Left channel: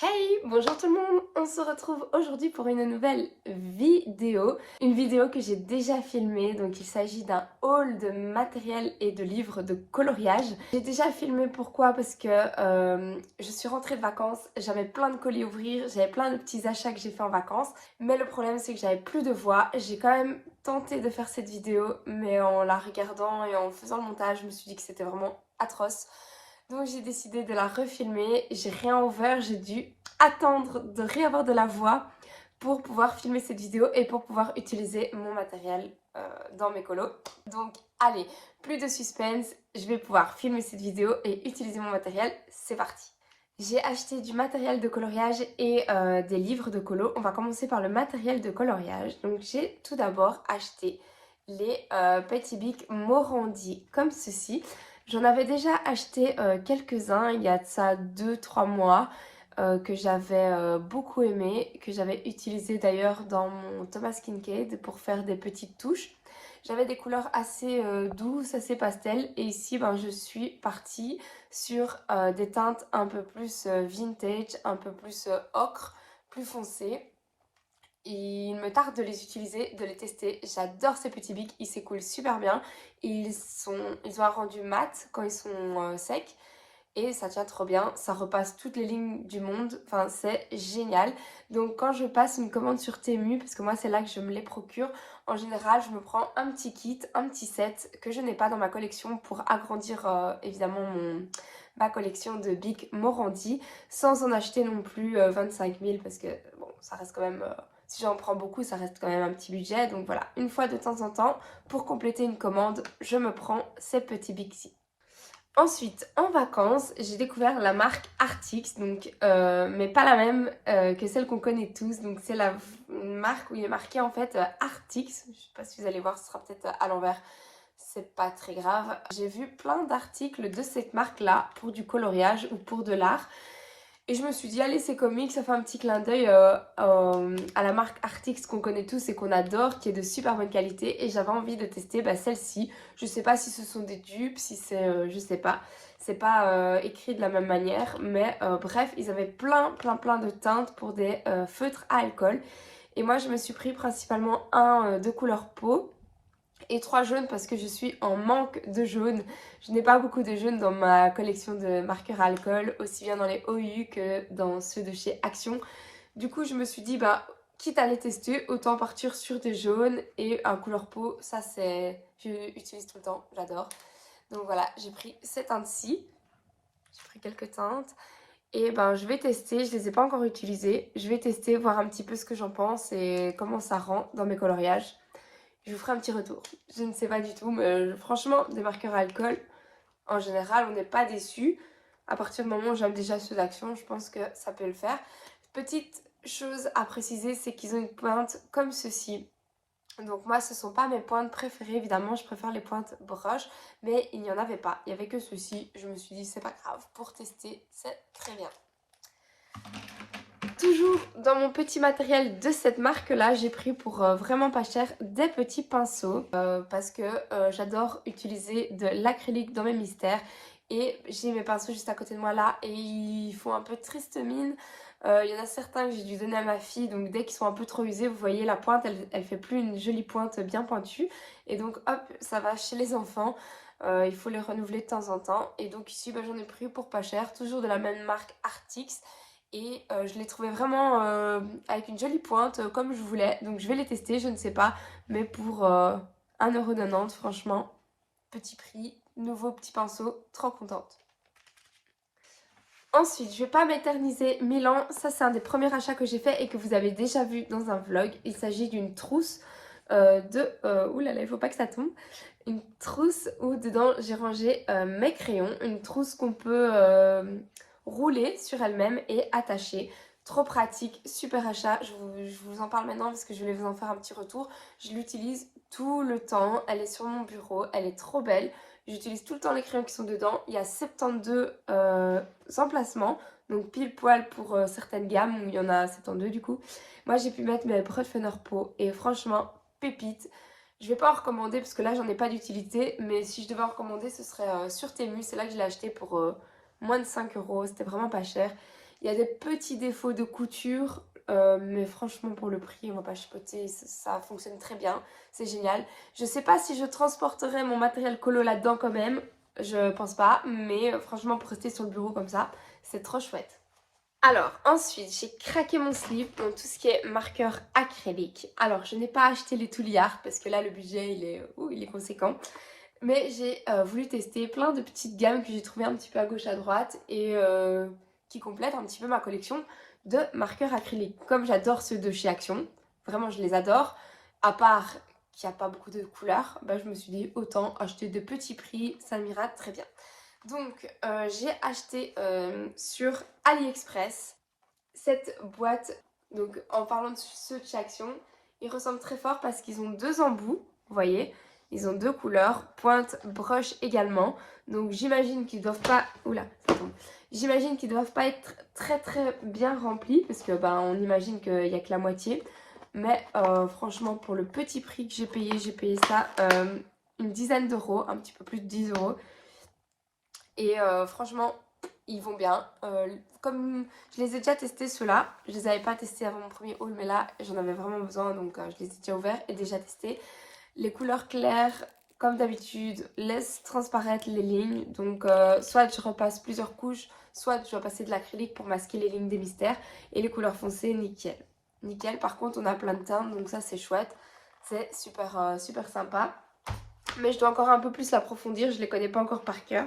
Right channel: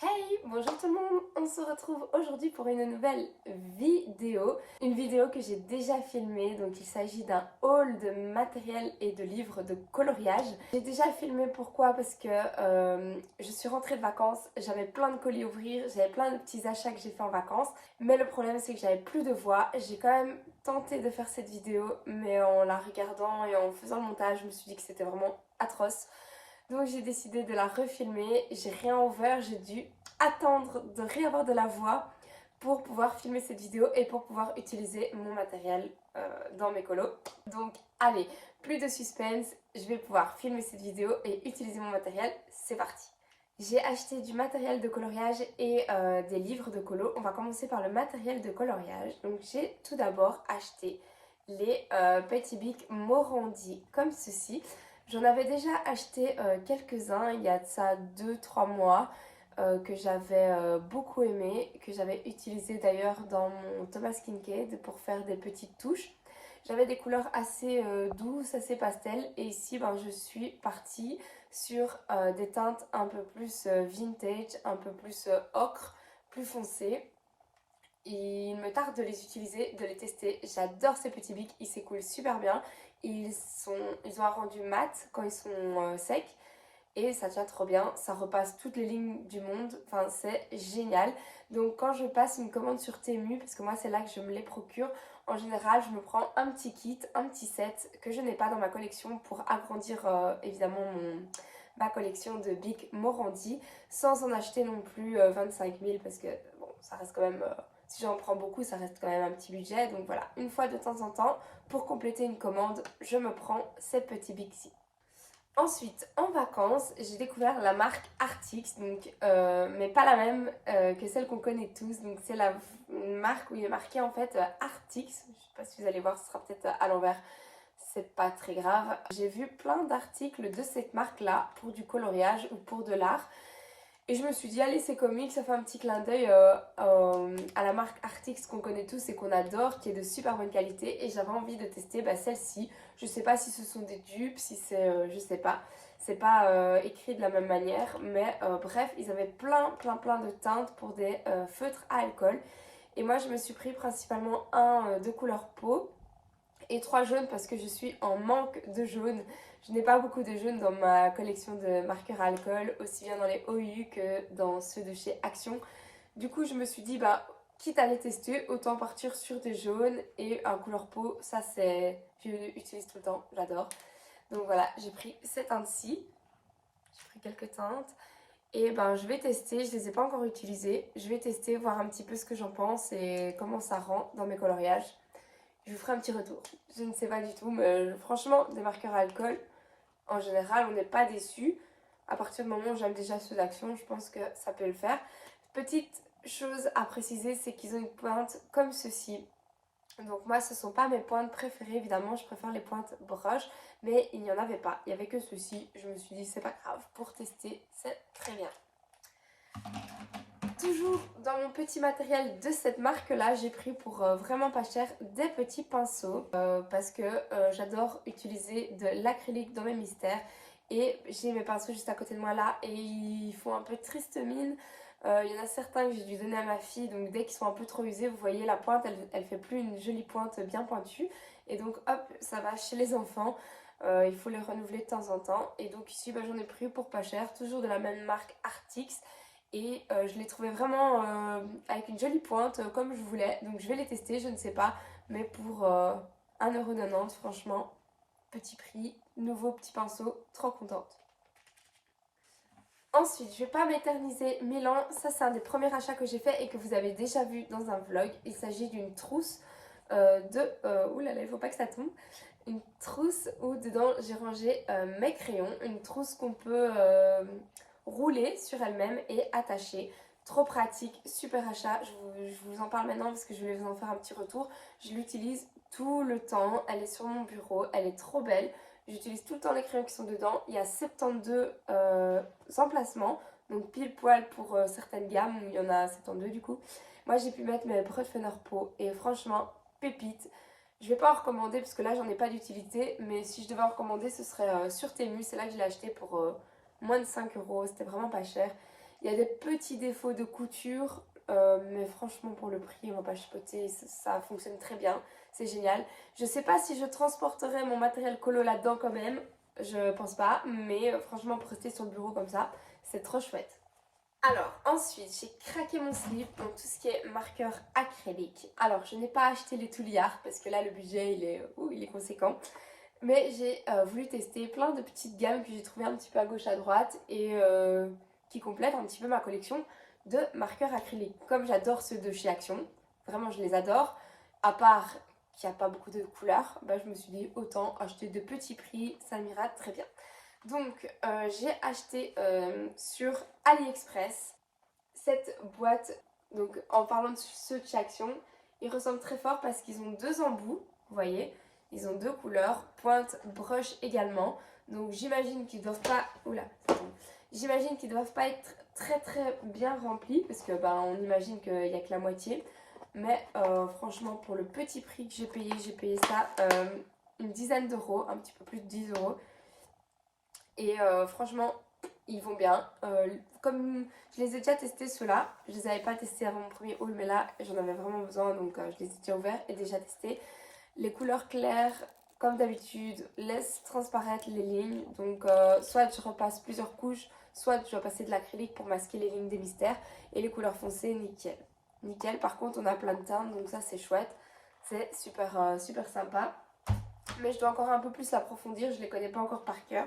Hey, bonjour tout le monde, on se retrouve aujourd'hui pour une nouvelle vidéo. Une vidéo que j'ai déjà filmée, donc il s'agit d'un haul de matériel et de livres de coloriage. J'ai déjà filmé pourquoi? Parce que je suis rentrée de vacances, j'avais plein de colis à ouvrir, j'avais plein de petits achats que j'ai fait en vacances. Mais le problème c'est que j'avais plus de voix. J'ai quand même tenté de faire cette vidéo, mais en la regardant et en faisant le montage, je me suis dit que c'était vraiment atroce. Donc j'ai décidé de la refilmer, j'ai rien ouvert, j'ai dû attendre de réavoir de la voix pour pouvoir filmer cette vidéo et pour pouvoir utiliser mon matériel dans mes colos. Donc allez, plus de suspense, je vais pouvoir filmer cette vidéo et utiliser mon matériel, c'est parti. J'ai acheté du matériel de coloriage et des livres de colo. On va commencer par le matériel de coloriage. Donc j'ai tout d'abord acheté les Petit Bic Morandi comme ceci. J'en avais déjà acheté quelques-uns il y a de ça 2-3 mois que j'avais beaucoup aimé, que j'avais utilisé d'ailleurs dans mon Thomas Kincaid pour faire des petites touches. J'avais des couleurs assez douces, assez pastel et ici ben, je suis partie sur des teintes un peu plus vintage, un peu plus ocre, plus foncé. Il me tarde de les utiliser, de les tester. J'adore ces petits bics, ils s'écoulent super bien. Ils ont un rendu mat quand ils sont secs et ça tient trop bien. Ça repasse toutes les lignes du monde. Enfin, c'est génial. Donc, quand je passe une commande sur Temu, parce que moi, c'est là que je me les procure, en général, je me prends un petit kit, un petit set que je n'ai pas dans ma collection pour agrandir évidemment ma collection de Bic Morandi sans en acheter non plus 25 000 parce que bon, ça reste quand même. Si j'en prends beaucoup, ça reste quand même un petit budget. Donc voilà, une fois de temps en temps, pour compléter une commande, je me prends ces petits bics-ci. Ensuite, en vacances, j'ai découvert la marque Artix, donc, mais pas la même que celle qu'on connaît tous. Donc c'est une marque où il est marqué en fait Artix. Je sais pas si vous allez voir, ce sera peut-être à l'envers. C'est pas très grave. J'ai vu plein d'articles de cette marque-là pour du coloriage ou pour de l'art. Et je me suis dit, allez, c'est comique, ça fait un petit clin d'œil à la marque Artix qu'on connaît tous et qu'on adore, qui est de super bonne qualité. Et j'avais envie de tester celle-ci. Je sais pas si ce sont des dupes, si c'est, je sais pas. C'est pas écrit de la même manière, mais bref, ils avaient plein de teintes pour des feutres à alcool. Et moi, je me suis pris principalement un de couleur peau et 3 jaunes parce que je suis en manque de jaune. Je n'ai pas beaucoup de jaunes dans ma collection de marqueurs à alcool, aussi bien dans les OU que dans ceux de chez Action. Du coup, je me suis dit, bah, quitte à les tester, autant partir sur des jaunes et un couleur peau. Ça, c'est. Je l'utilise tout le temps, j'adore. Donc voilà, j'ai pris ces teintes-ci. J'ai pris quelques teintes. Et ben, je vais tester, je les ai pas encore utilisées. Je vais tester, voir un petit peu ce que j'en pense et comment ça rend dans mes coloriages. Je vous ferai un petit retour. Je ne sais pas du tout, mais franchement, des marqueurs à alcool, en général, on n'est pas déçu. À partir du moment où j'aime déjà ceux d'Action, je pense que ça peut le faire. Petite chose à préciser, c'est qu'ils ont une pointe comme ceci. Donc moi, ce ne sont pas mes pointes préférées, évidemment, je préfère les pointes broches, mais il n'y en avait pas. Il n'y avait que ceci. Je me suis dit, c'est pas grave, pour tester, c'est très bien. Toujours dans mon petit matériel de cette marque-là, j'ai pris pour vraiment pas cher des petits pinceaux parce que j'adore utiliser de l'acrylique dans mes mystères et j'ai mes pinceaux juste à côté de moi là et ils font un peu triste mine. Il y en a certains que j'ai dû donner à ma fille, donc dès qu'ils sont un peu trop usés, vous voyez la pointe, elle fait plus une jolie pointe bien pointue et donc hop, ça va chez les enfants. Il faut les renouveler de temps en temps et donc ici bah, j'en ai pris pour pas cher, toujours de la même marque Artix. Et je l'ai trouvé vraiment avec une jolie pointe comme je voulais. Donc je vais les tester, je ne sais pas. Mais pour 1,90€, franchement, petit prix, nouveau petit pinceau, trop contente. Ensuite, je ne vais pas m'éterniser 1000 ans. Ça, c'est un des premiers achats que j'ai fait et que vous avez déjà vu dans un vlog. Il s'agit d'une trousse de... ouh là là, il ne faut pas que ça tombe. Une trousse où dedans j'ai rangé mes crayons. Une trousse qu'on peut rouler sur elle-même et attacher. Trop pratique, super achat. Je vous en parle maintenant parce que je voulais vous en faire un petit retour. Je l'utilise tout le temps. Elle est sur mon bureau. Elle est trop belle. J'utilise tout le temps les crayons qui sont dedans. Il y a 72 emplacements. Donc pile poil pour certaines gammes où il y en a 72 du coup. Moi j'ai pu mettre mes breux de Funner Peau et franchement, pépite. Je vais pas en recommander parce que là j'en ai pas d'utilité. Mais si je devais en recommander ce serait sur Temu. C'est là que je l'ai acheté pour moins de 5 euros. C'était vraiment pas cher. Il y a des petits défauts de couture, mais franchement pour le prix, on va pas chipoter, ça fonctionne très bien, c'est génial. Je sais pas si je transporterai mon matériel colo là-dedans quand même, je pense pas, mais franchement pour rester sur le bureau comme ça, c'est trop chouette. Alors ensuite j'ai craqué mon slip, donc tout ce qui est marqueur acrylique. Alors je n'ai pas acheté les Touliard parce que là le budget il est conséquent. Mais j'ai voulu tester plein de petites gammes que j'ai trouvées un petit peu à gauche à droite et qui complètent un petit peu ma collection de marqueurs acryliques. Comme j'adore ceux de chez Action, vraiment je les adore, à part qu'il n'y a pas beaucoup de couleurs, bah, je me suis dit autant acheter de petits prix, ça m'ira très bien. Donc j'ai acheté sur AliExpress cette boîte. Donc en parlant de ceux de chez Action, ils ressemblent très fort parce qu'ils ont deux embouts, vous voyez, ils ont deux couleurs, pointe, broche également. Donc j'imagine qu'ils doivent pas, oula, ça tombe. J'imagine qu'ils doivent pas être très très bien remplis parce que ben on imagine qu'il n'y a que la moitié. Mais franchement pour le petit prix que j'ai payé ça une dizaine d'euros, un petit peu plus de 10 euros. Et franchement, ils vont bien. Comme je les ai déjà testés ceux-là, je les avais pas testés avant mon premier haul, mais là j'en avais vraiment besoin, donc je les ai déjà ouverts et déjà testés. Les couleurs claires, comme d'habitude, laissent transparaître les lignes. Donc soit je repasse plusieurs couches, soit je dois passer de l'acrylique pour masquer les lignes des mystères. Et les couleurs foncées, nickel. Nickel, par contre on a plein de teintes, donc ça c'est chouette. C'est super, super sympa. Mais je dois encore un peu plus l'approfondir, je les connais pas encore par cœur.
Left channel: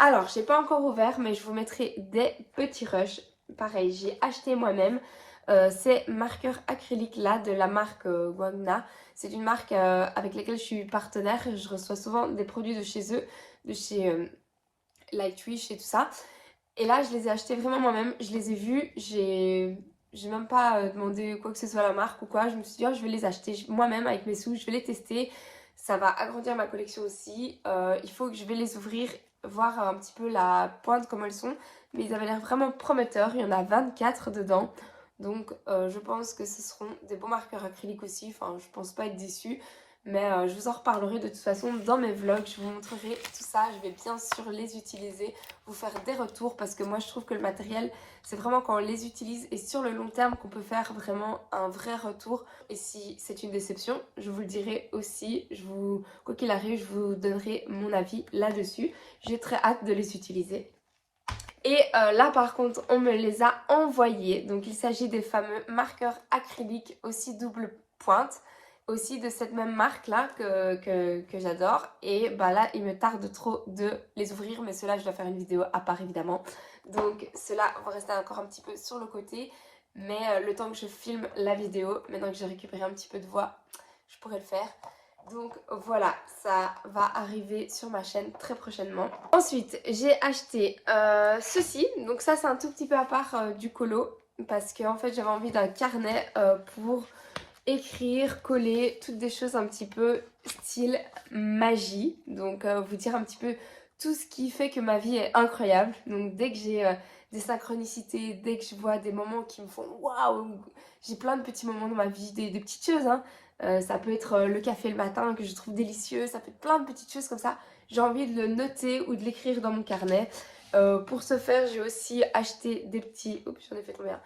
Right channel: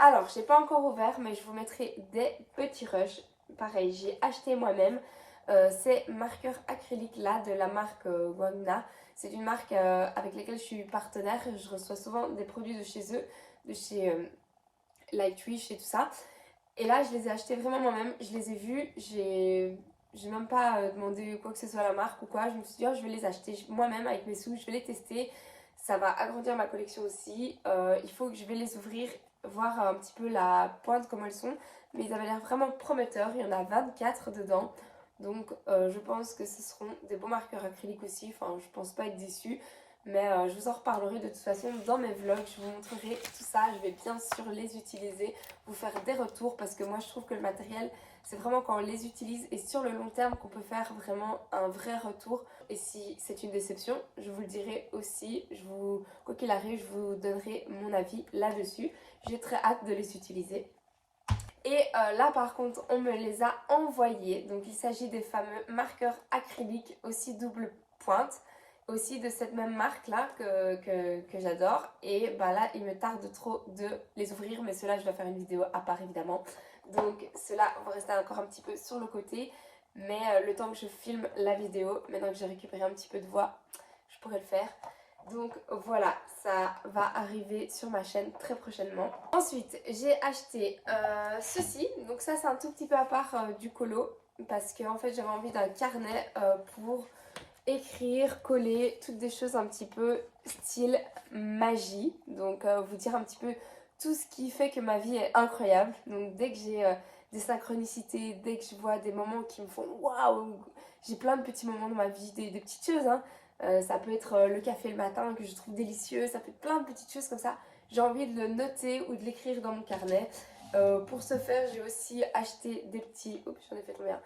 Alors, j'ai pas encore ouvert, mais je vous mettrai des petits rushs. Pareil, j'ai acheté moi-même ces marqueurs acryliques là de la marque Wagner. C'est une marque avec laquelle je suis partenaire. Je reçois souvent des produits de chez eux, de chez Lightwish et tout ça. Et là, je les ai achetés vraiment moi-même. Je les ai vus, j'ai même pas demandé quoi que ce soit à la marque ou quoi. Je me suis dit, oh, je vais les acheter moi-même avec mes sous, je vais les tester. Ça va agrandir ma collection aussi. Il faut que je vais les ouvrir, voir un petit peu la pointe, comment elles sont. Mais ils avaient l'air vraiment prometteurs. Il y en a 24 dedans. Donc je pense que ce seront des beaux marqueurs acryliques aussi. Enfin, je pense pas être déçue. Mais je vous en reparlerai de toute façon dans mes vlogs. Je vous montrerai tout ça. Je vais bien sûr les utiliser, vous faire des retours parce que moi je trouve que le matériel, c'est vraiment quand on les utilise et sur le long terme qu'on peut faire vraiment un vrai retour. Et si c'est une déception, je vous le dirai aussi. Quoi qu'il arrive, je vous donnerai mon avis là-dessus. J'ai très hâte de les utiliser. Et là par contre on me les a envoyés. Donc il s'agit des fameux marqueurs acryliques aussi double pointe. Aussi de cette même marque là que j'adore. Et bah là il me tarde trop de les ouvrir. Mais ceux-là je dois faire une vidéo à part évidemment. Donc ceux-là vont rester encore un petit peu sur le côté. Mais le temps que je filme la vidéo, maintenant que j'ai récupéré un petit peu de voix, je pourrais le faire. Donc voilà, ça va arriver sur ma chaîne très prochainement. Ensuite, j'ai acheté ceci. Donc ça, c'est un tout petit peu à part du colo. Parce que en fait, j'avais envie d'un carnet pour écrire, coller, toutes des choses un petit peu style magie. Donc vous dire un petit peu tout ce qui fait que ma vie est incroyable. Donc dès que j'ai des synchronicités, dès que je vois des moments qui me font waouh, j'ai plein de petits moments dans ma vie, des petites choses, hein. Ça peut être le café le matin que je trouve délicieux, ça peut être plein de petites choses comme ça. J'ai envie de le noter ou de l'écrire dans mon carnet. Pour ce faire, j'ai aussi acheté des petits... Oups, j'en ai fait tomber un.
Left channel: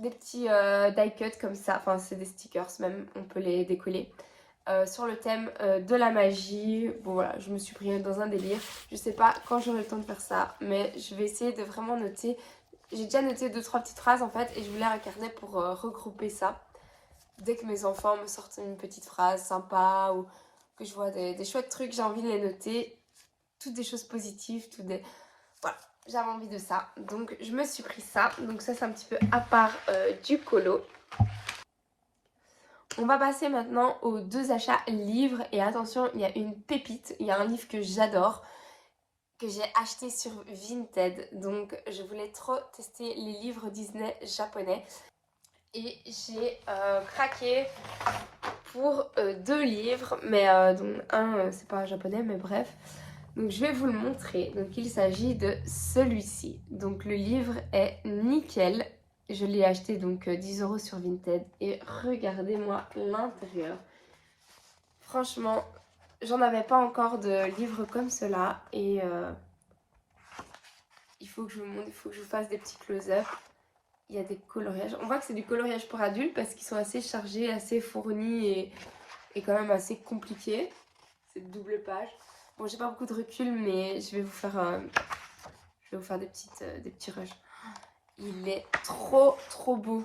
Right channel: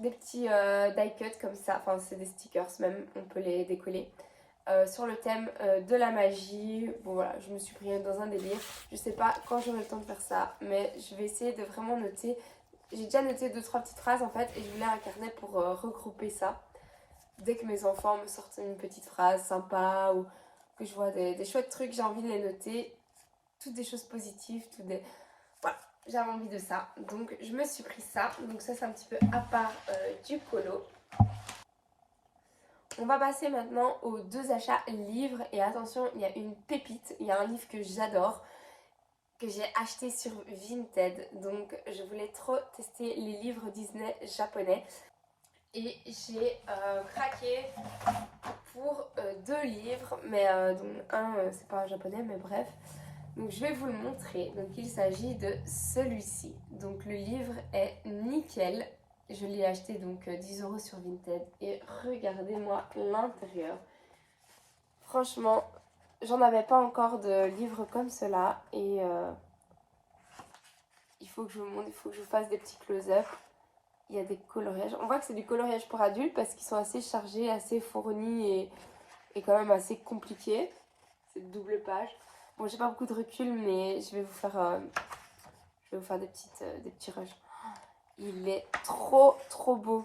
Des petits die cut comme ça, enfin c'est des stickers même, on peut les décoller. Sur le thème de la magie. Bon voilà, je me suis pris dans un délire. Je sais pas quand j'aurai le temps de faire ça, mais je vais essayer de vraiment noter. J'ai déjà noté 2-3 petites phrases en fait et je voulais un carnet pour regrouper ça. Dès que mes enfants me sortent une petite phrase sympa ou que je vois des chouettes trucs, j'ai envie de les noter. Toutes des choses positives, toutes des... Voilà, j'avais envie de ça. Donc je me suis pris ça. Donc ça c'est un petit peu à part du colo. On va passer maintenant aux deux achats livres. Et attention, il y a une pépite. Il y a un livre que j'adore, que j'ai acheté sur Vinted. Donc je voulais trop tester les livres Disney japonais. Et j'ai craqué pour deux livres. Mais dont un, c'est pas japonais, mais bref. Donc je vais vous le montrer. Donc il s'agit de celui-ci. Donc le livre est nickel. Je l'ai acheté donc 10 € sur Vinted et regardez-moi l'intérieur. Franchement, j'en avais pas encore de livres comme cela et il faut que je vous montre, il faut que je vous fasse des petits close-up. il y a des coloriages. On voit que c'est du coloriage pour adultes parce qu'ils sont assez chargés, assez fournis et quand même assez compliqués. C'est de double page. Bon, j'ai pas beaucoup de recul, mais je vais vous faire des petits rushs. Il est trop beau.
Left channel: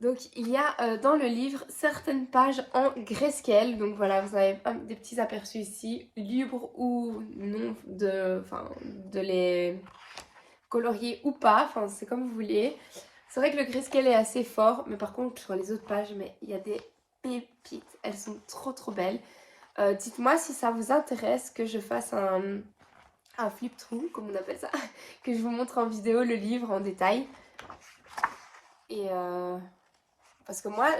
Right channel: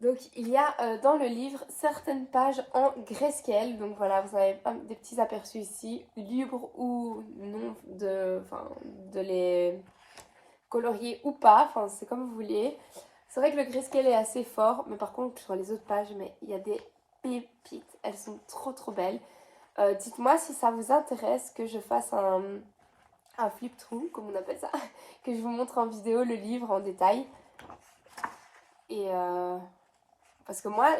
Donc il y a dans le livre certaines pages en grayscale. Donc voilà, vous avez des petits aperçus ici, libre ou non de les colorier ou pas. Enfin, c'est comme vous voulez. C'est vrai que le grayscale est assez fort, mais par contre sur les autres pages, mais il y a des pépites. Elles sont trop belles. Dites-moi si ça vous intéresse que je fasse un flip-through, comme on appelle ça, que je vous montre en vidéo le livre en détail. Et parce que moi,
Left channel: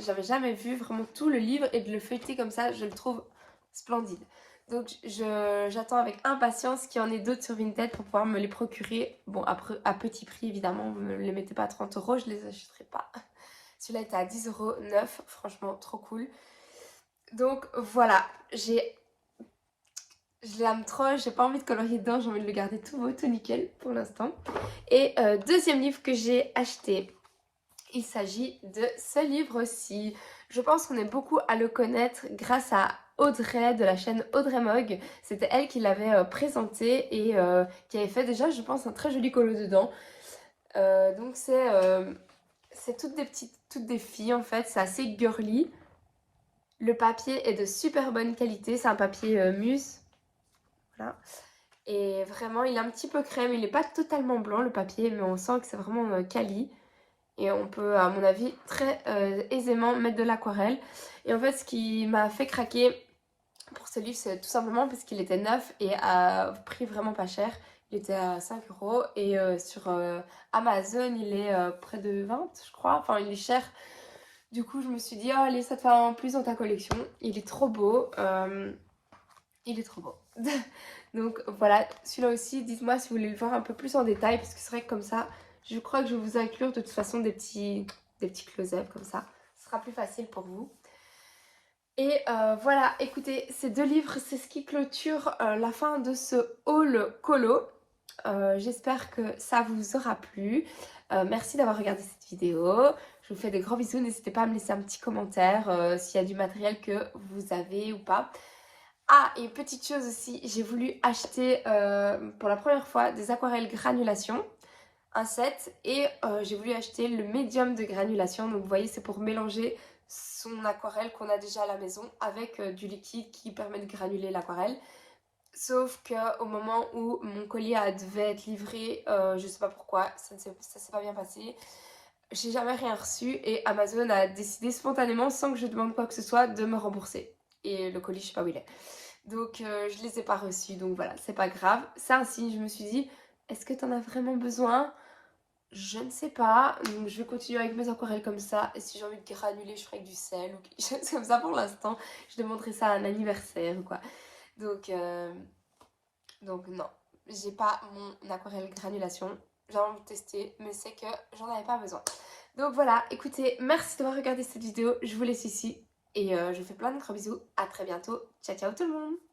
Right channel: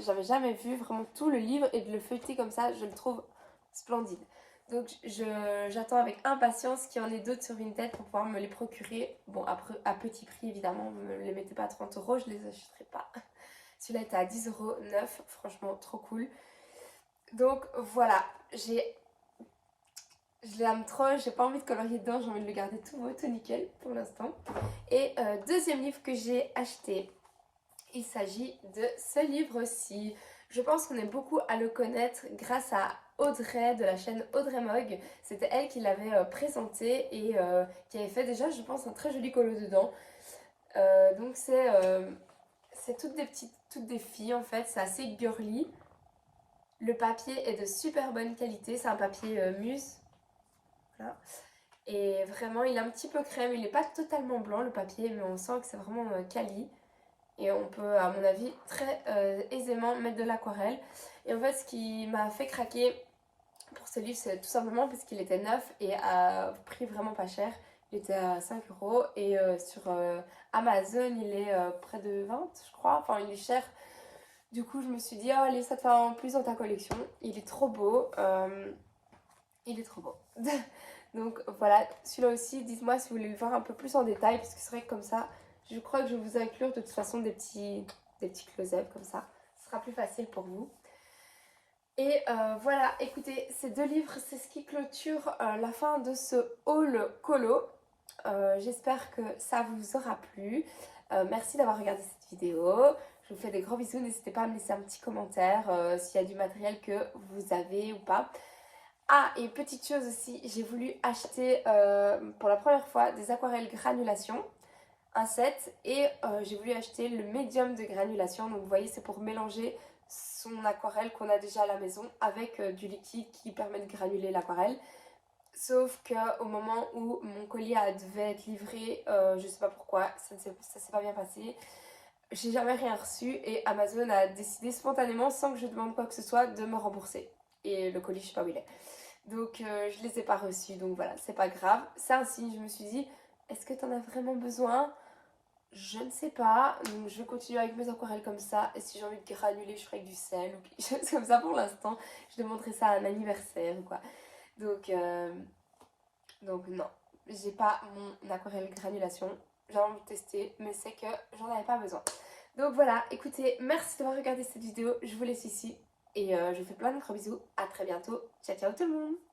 j'avais jamais vu vraiment tout le livre et de le feuilleter comme ça, je le trouve splendide. Donc j'attends avec impatience qu'il y en ait d'autres sur Vinted pour pouvoir me les procurer. Bon, après, à petit prix évidemment, vous ne me les mettez pas à 30 €, je les achèterai pas. Celui-là était à 10,09 €, franchement trop cool. Donc voilà, je l'aime trop, j'ai pas envie de colorier dedans, j'ai envie de le garder tout beau, tout nickel pour l'instant. Et deuxième livre que j'ai acheté, il s'agit de ce livre-ci. Je pense qu'on est beaucoup à le connaître grâce à Audrey de la chaîne Audrey Mog. C'était elle qui l'avait présenté et qui avait fait déjà, je pense, un très joli colo dedans. Donc c'est toutes des filles en fait, c'est assez girly. Le papier est de super bonne qualité, c'est un papier mousse. Voilà. Et vraiment, il est un petit peu crème, il n'est pas totalement blanc le papier, mais on sent que c'est vraiment quali. Et on peut, à mon avis, très aisément mettre de l'aquarelle. Et en fait, ce qui m'a fait craquer pour ce livre, c'est tout simplement parce qu'il était neuf et à prix vraiment pas cher. Il était à 5 € et sur Amazon, il est près de 20, je crois. Enfin, il est cher. Du coup, je me suis dit, oh, allez, ça te fait un plus dans ta collection. Il est trop beau. Il est trop beau. Donc voilà, celui-là aussi, dites-moi si vous voulez le voir un peu plus en détail, parce que c'est vrai que comme ça, je crois que je vais vous inclure de toute façon des petits close-up comme ça. Ce sera plus facile pour vous. Et voilà, écoutez, ces deux livres, c'est ce qui clôture la fin de ce haul colo. J'espère que ça vous aura plu. Merci d'avoir regardé cette vidéo. Je vous fais des gros bisous. N'hésitez pas à me laisser un petit commentaire s'il y a du matériel que vous avez ou pas. Ah, et petite chose aussi, j'ai voulu acheter pour la première fois des aquarelles granulation, un set, et j'ai voulu acheter le médium de granulation. Donc vous voyez, c'est pour mélanger son aquarelle qu'on a déjà à la maison avec du liquide qui permet de granuler l'aquarelle. Sauf qu'au moment où mon colis devait être livré, je sais pas pourquoi, ça s'est pas bien passé. J'ai jamais rien reçu et Amazon a décidé spontanément, sans que je demande quoi que ce soit, de me rembourser. Et le colis, je sais pas où il est. Donc je les ai pas reçus, donc voilà, c'est pas grave. C'est un signe, je me suis dit, est-ce que t'en as vraiment besoin? Je ne sais pas, donc je vais continuer avec mes aquarelles comme ça. Et si j'ai envie de granuler, je ferai avec du sel ou quelque chose comme ça pour l'instant. Je demanderai ça à un anniversaire ou quoi. Donc non, j'ai pas mon aquarelle granulation. J'ai envie de tester, mais c'est que j'en avais pas besoin. Donc voilà, écoutez, merci d'avoir regardé cette vidéo. Je vous laisse ici et je vous fais plein de gros bisous. À très bientôt. Ciao ciao tout le monde.